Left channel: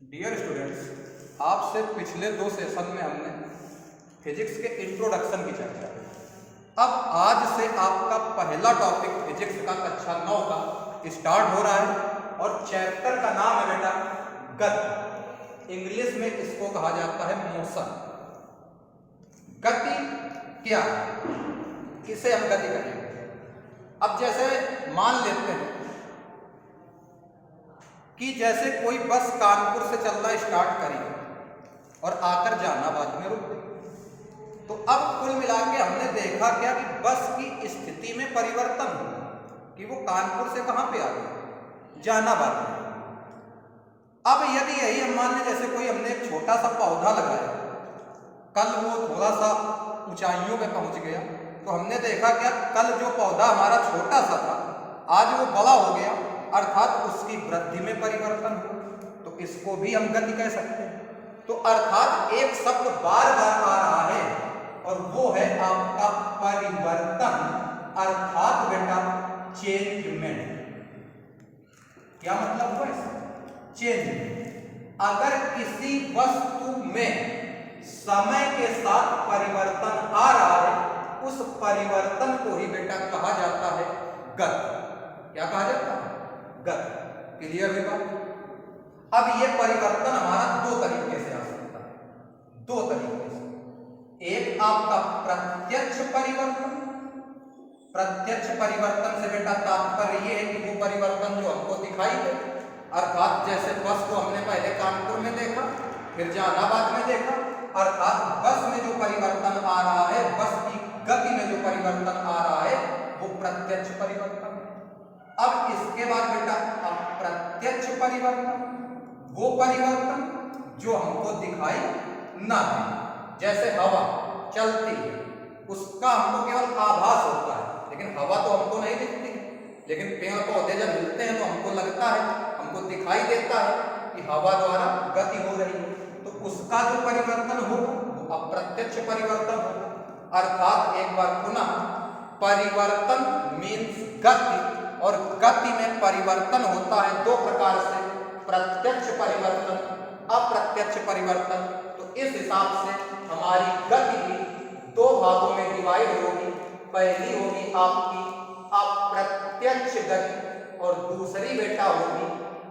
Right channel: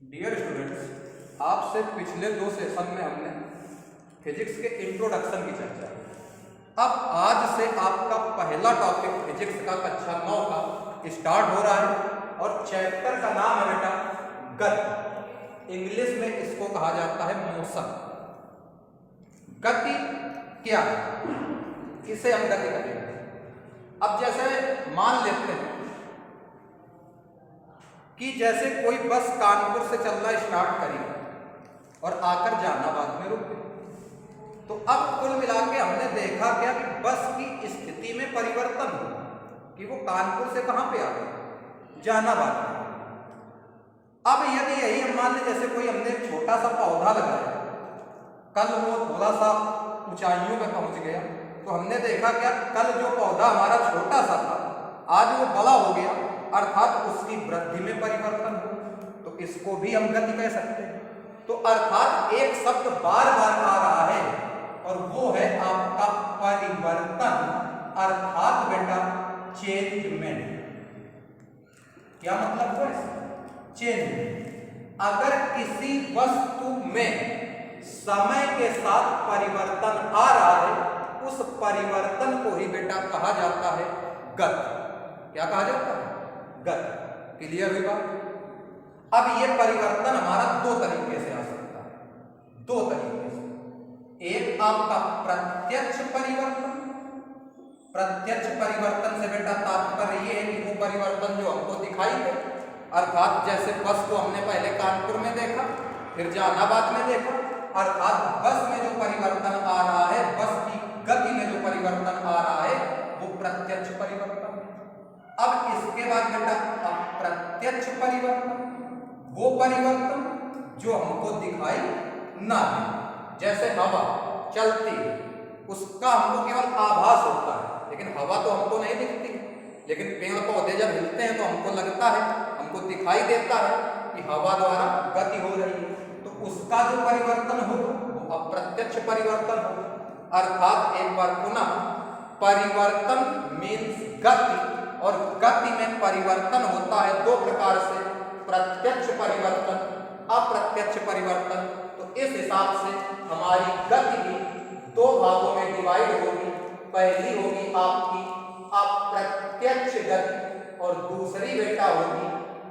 Dear students, आपसे पिछले 2 session में हमने फिजिक्स के इंट्रोडक्शन की चर्चा की। अब आज से आपका पहला टॉपिक फिजिक्स का कक्षा 9 का स्टार्ट हो रहा है और चैप्टर का नाम है बेटा गति। इंग्लिश में इसको कहा जाता है मोशन। गति क्या है, किसे हम गति कहेंगे। अब जैसे मान लेते हैं कि जैसे कोई बस कानपुर से चलना स्टार्ट करी और आकर जहानाबाद में रुक गई, तो अब कुल मिला के हमने देखा क्या कि बस की स्थिति में परिवर्तन हुआ कि वो कानपुर से कहां पे आ गई, जहानाबाद में। अब यदि यही हम मान लें जैसे कोई हमने एक छोटा सा पौधा लगाया, कल वो थोड़ा सा ऊंचाइयों पे पहुंच गया, तो हमने देखा क्या कल जो पौधा हमारा छोटा सा था आज वो बड़ा हो गया, अर्थात उसकी वृद्धि में परिवर्तन हुआ, तो इसको भी हम गति कह सकते हैं। तो अर्थात एक शब्द बार बार आ रहा है और वो है आपका परिवर्तन, अर्थात बेटा चेंजमेंट। क्या मतलब हुआ इसका? चेंज। अगर किसी वस्तु में समय के साथ परिवर्तन आ रहा है, उस परिवर्तन को ही बेटा कहा जाता है गति। क्या कहा जाता है? गति। क्लियर हुई बात? अब ये परिवर्तन हमारा दो तरीके से आ सकता है, दो तरीके से। एक आपका प्रत्यक्ष परिवर्तन। प्रत्यक्ष परिवर्तन से बेटा तात्पर्य ये है कि वो परिवर्तन जो हमको दिखाई दे, अर्थात जैसे बस को हमने पहले कानपुर में देखा, फिर जहानाबाद में देखा, अर्थात बस में जो परिवर्तन आ रहा है, बस की गति में जो परिवर्तन आ रहा है, वो प्रत्यक्ष परिवर्तन। अब इसके बाद बेटा अप्रत्यक्ष परिवर्तन, वो परिवर्तन जो हमको दिखाई ना दे। जैसे हवा चलती है, उसका हमको केवल आभास होता है, लेकिन हवा तो हमको नहीं दिखती है। लेकिन पेड़ पौधे जब हिलते हैं तो हमको लगता है, हमको दिखाई देता है कि हवा द्वारा गति हो रही है, तो उसका जो परिवर्तन होगा वो अप्रत्यक्ष परिवर्तन होगा। अर्थात एक बार पुनः परिवर्तन मीन्स गति, और गति में परिवर्तन होता है दो प्रकार से, प्रत्यक्ष परिवर्तन, अप्रत्यक्ष परिवर्तन। तो इस हिसाब से हमारी गति भी दो भागों में डिवाइड होगी। पहली होगी आपकी अप्रत्यक्ष गति और दूसरी बेटा होगी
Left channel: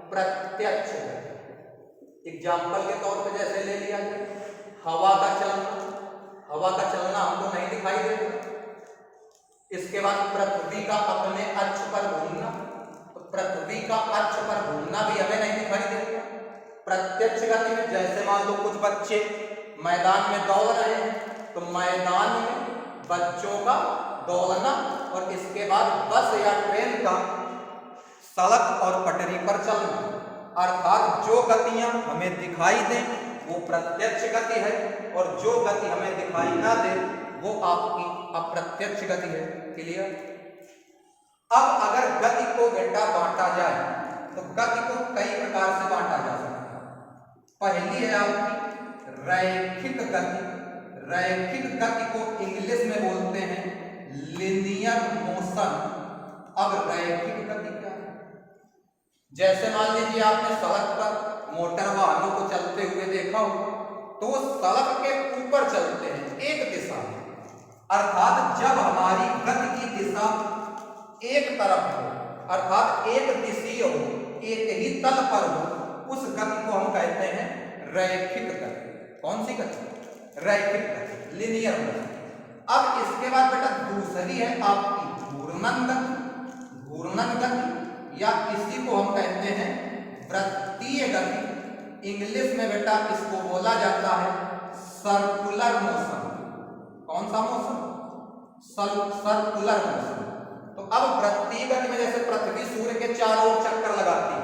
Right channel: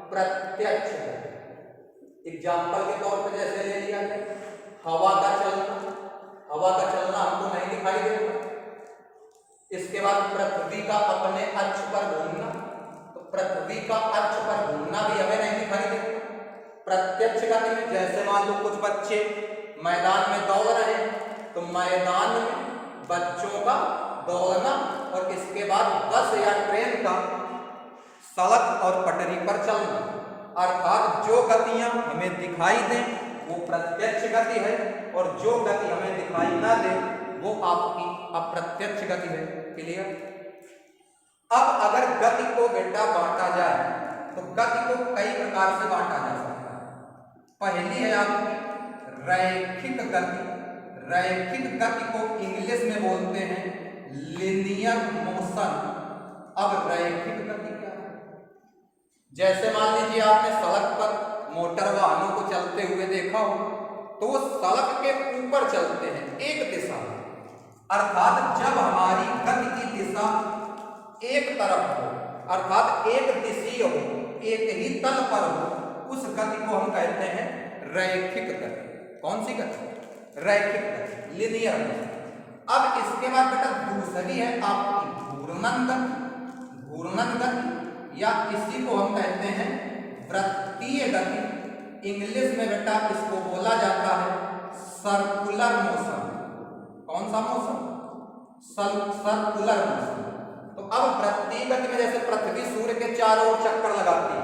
प्रत्यक्ष गति। एग्जाम्पल के तौर पे जैसे ले लिया जाए हवा का चलना, हवा का चलना हमको नहीं दिखाई देता। इसके बाद पृथ्वी का अपने अक्ष पर घूमना, तो पृथ्वी का अक्ष पर घूमना भी हमें नहीं दिखाई देता। प्रत्यक्ष गति में जैसे मान लो कुछ बच्चे मैदान में दौड़ रहे हैं, तो मैदान में बच्चों का दौड़ना, और इसके बाद बस या ट्रेन का सड़क और पटरी पर चलना, अर्थात जो गतियां हमें दिखाई दें वो प्रत्यक्ष गति है, और जो गति हमें दिखाई ना दे वो आपकी अप्रत्यक्ष गति है। क्लियर? अब अगर गति को बेटा बांटा जाए तो गति को कई प्रकार से बांटा जा सकता है। पहली है आपकी रैखिक गति। रैखिक गति को इंग्लिश में बोलते हैं लिनियर मोशन। अब रैखिक गति क्या है? जैसे मान लीजिए आपने सड़क पर मोटर वाहनों को चलते हुए देखा हो, तो वो सड़क के ऊपर चलते हैं एक दिशा में, अर्थात जब हमारी गति की दिशा एक तरफ हो, अर्थात एक दिशीय हो, एक ही तल पर हो, उस गति को हम कहते हैं रैखिक गति। कौन सी गति? रैखिक गति, लिनियर मोशन। अब इसके बाद बेटा दूसरी है आपकी घूर्णन गति। घूर्णन गति या इसी को हम कहते हैं वृत्तीय गति। इंग्लिश में बेटा इसको बोला जाता है सर्कुलर मोशन। कौन सा मोशन? Circular motion. तो अब वृत्तीय गति में जैसे पृथ्वी सूर्य के चारों ओर चक्कर लगाती है,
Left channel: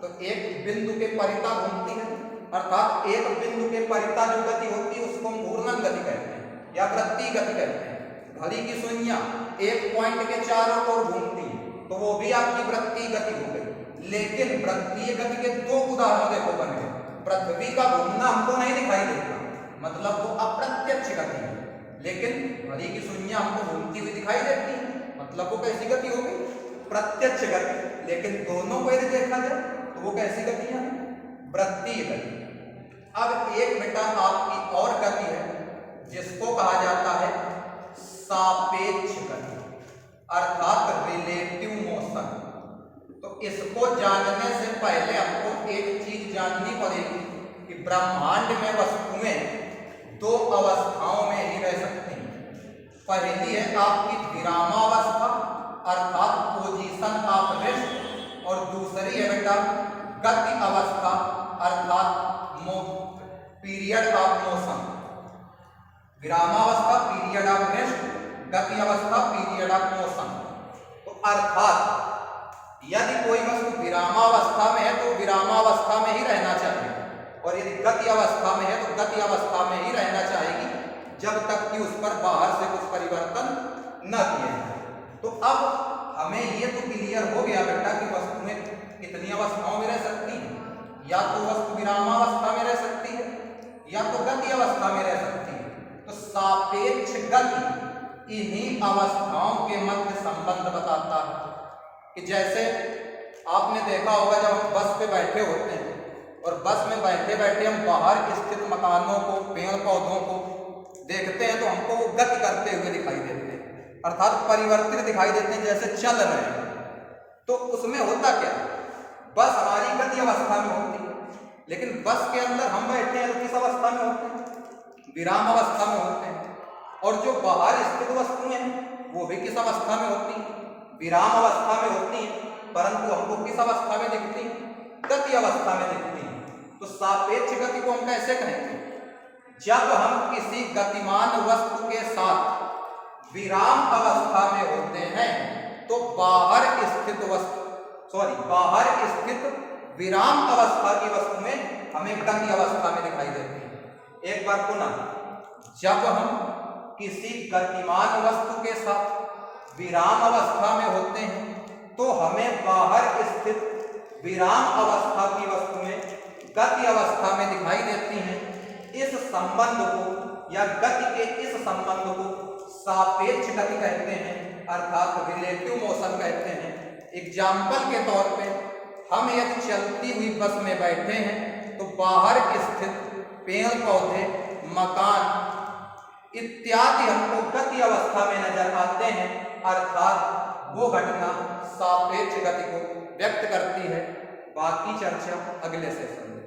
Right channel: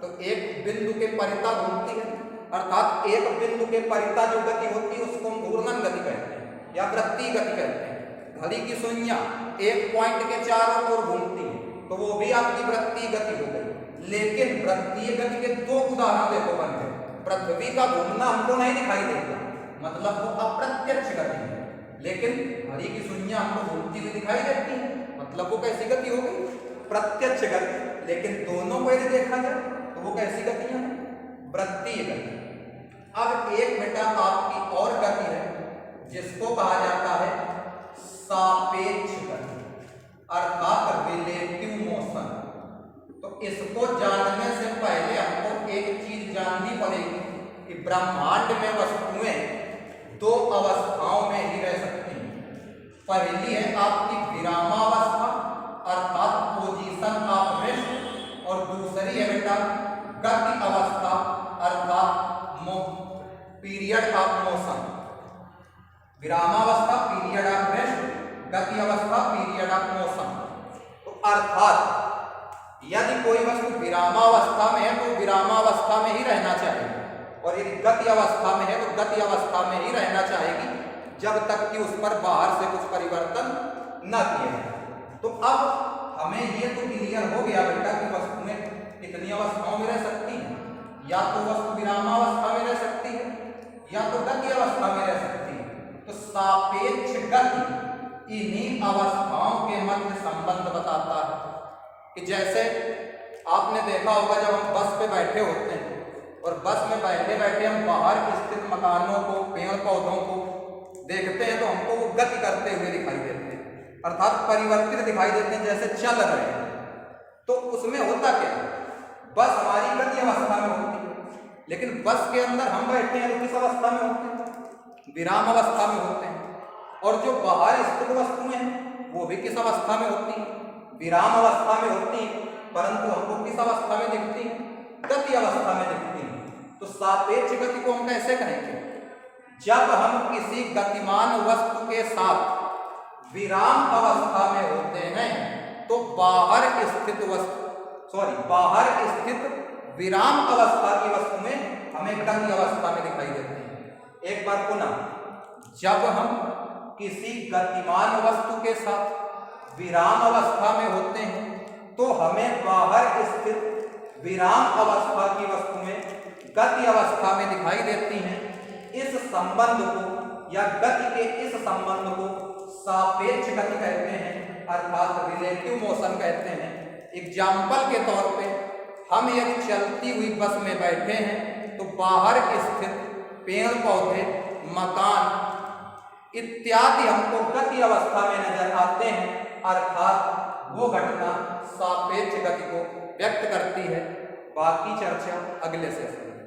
तो एक बिंदु के परिता घूमती है, अर्थात एक बिंदु के परिता जो गति होती है उसको हम घूर्णन गति कहते हैं या वृत्तीय गति कहते हैं। घड़ी की सुइयां एक पॉइंट के चारों ओर घूमती है, तो वो भी आपकी वृत्तीय गति हो गई। लेकिन वृत्तीय गति के दो उदाहरण देखो बन गए। पृथ्वी का घूमना हमको नहीं दिखाई देता, मतलब वो अप्रत्यक्ष गति है, लेकिन घड़ी की सुइयां हमको घूमती हुई दिखाई देती है, मतलब वो कैसी गति हो गई? प्रत्यक्ष गति। लेकिन दोनों को यदि देखा जाए तो वो कैसी गतियां हैं? वृत्तीय गति। अब एक बेटा आपकी और गति है जिसको कहा जाता है सापेक्ष गति अर्थात रिलेटिव मोशन। तो इसको जानने से पहले हमको एक चीज जाननी पड़ेगी कि ब्रह्मांड में वस्तुएं दो अवस्थाओं में ही रह सकती हैं। पहली है आपकी विरामावस्था अर्थात पोजीशन ऑफ रेस्ट, और दूसरी है बेटा गति अवस्था अर्थात पीरियड ऑफ मोशन। विरामावस्था पीरियड ऑफ रेस्ट, गति अवस्था पीरियड ऑफ मोशन। तो अर्थात यदि कोई वस्तु विरामावस्था में है तो विरामावस्था में ही रहना चाहिए, और यदि गति अवस्था में है तो गति अवस्था में ही रहना चाहेगी जब तक कि उस पर बाहर से कुछ परिवर्तन न किए जाए। तो अब हमें ये तो क्लियर हो गया बेटा कि वस्तुएं कितनी अवस्थाओं में रह सकती हैं, या तो वस्तु विरामावस्था में रह सकती है या तो गति अवस्था में रह सकती है। तो सापेक्ष गति इन्हीं अवस्थाओं के मध्य संबंध बताता है कि जैसे आपने देखा होगा जब हम बस पे बैठे होते हैं और बस में बैठे बैठे हम बाहर स्थित मकानों को, पेड़ पौधों को देखते हैं तो हमको वो गति करते हुए दिखाई देते हैं अर्थात परिवर्तित दिखाई देते हैं, जैसे चल रहे हैं। तो उसमें होता क्या, बस हमारी गति अवस्था में होती है, लेकिन बस के अंदर हम बैठते हैं तो किस अवस्था में होते हैं, विराम अवस्था में होते हैं। और जो बाहर स्थित वस्तुएं हैं वो भी किस अवस्था में होती हैं, विराम अवस्था में होती हैं, परंतु हमको किस अवस्था में दिखती हैं, गति अवस्था में दिखती है। तो सापेक्ष गति को हम कैसे कहेंगे, जब हम किसी गतिमान वस्तु के साथ विराम अवस्था में होते हैं तो बाहर स्थित विराम अवस्था की वस्तुएं हमें गति अवस्था में दिखाई देती हैं। एक बार पुनः, जब हम किसी गतिमान वस्तु के साथ विराम अवस्था में होते हैं तो हमें बाहर स्थित विराम अवस्था की वस्तुएं गति अवस्था में दिखाई देती हैं। इस संबंध को या गति के इस संबंध को सापेक्ष गति कहते हैं अर्थात रिलेटिव मोशन कहते हैं। एग्जाम्पल के तौर पे हम एक चलती हुई बस में बैठे हैं तो बाहर स्थित पेड़ पौधे, मकान इत्यादि हमको गति अवस्था में नजर आते हैं अर्थात वो घटना सापेक्ष गति को व्यक्त करती है। बाकी चर्चा अगले सेशन में।